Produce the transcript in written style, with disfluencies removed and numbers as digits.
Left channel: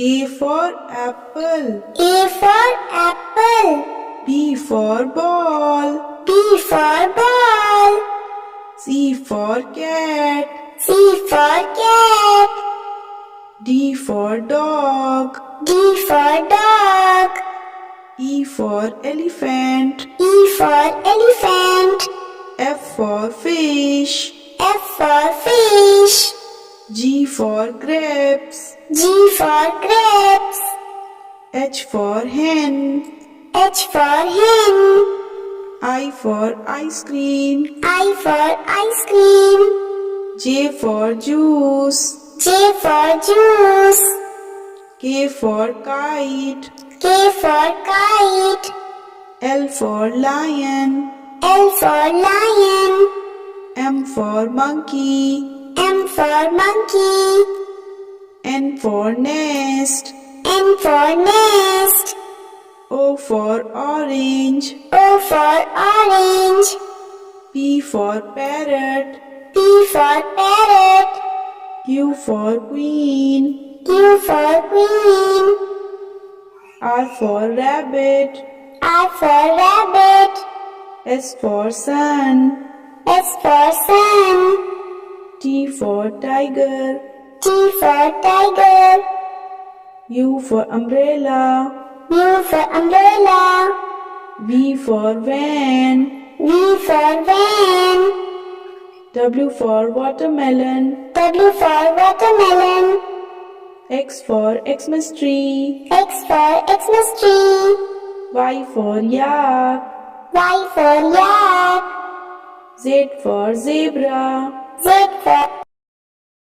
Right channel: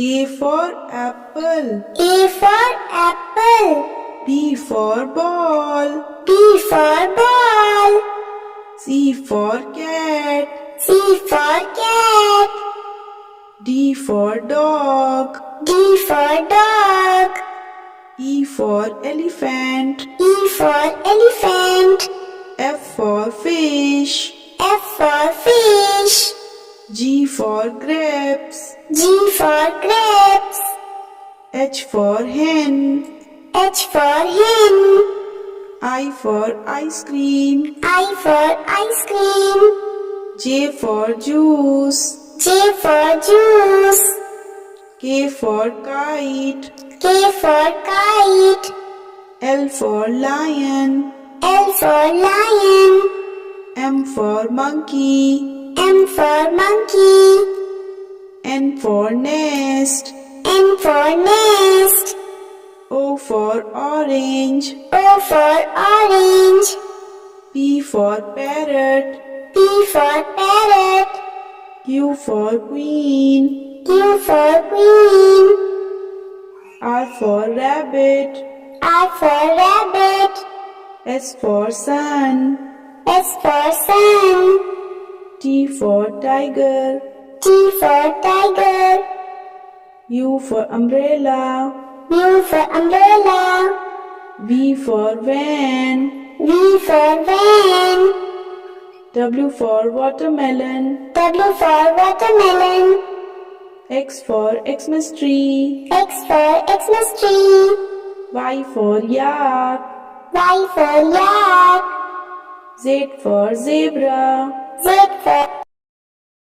A for apple. A for apple. B for ball. B for ball. C for cat. C for cat. D for dog. D for dog. E for elephant. E for elephant. F for fish. F for fish. G for grapes. G for grapes. H for hen. H for hen. I for ice cream. I for ice cream. J for juice. J for juice. K for kite. K for kite. L for lion. L for lion. M for monkey. M for monkey. N for nest. N for nest. O for orange. O for orange. P for parrot. P for parrot. Q for queen. Q for queen. R for rabbit. R for rabbit. S for sun. S for sun. T for tiger. T for tiger. U for umbrella. U for umbrella. V for van. V for van. W for watermelon. W for watermelon. X for Xmas tree. X for Xmas tree. Y for yak. Y for yak. Z for zebra. Z for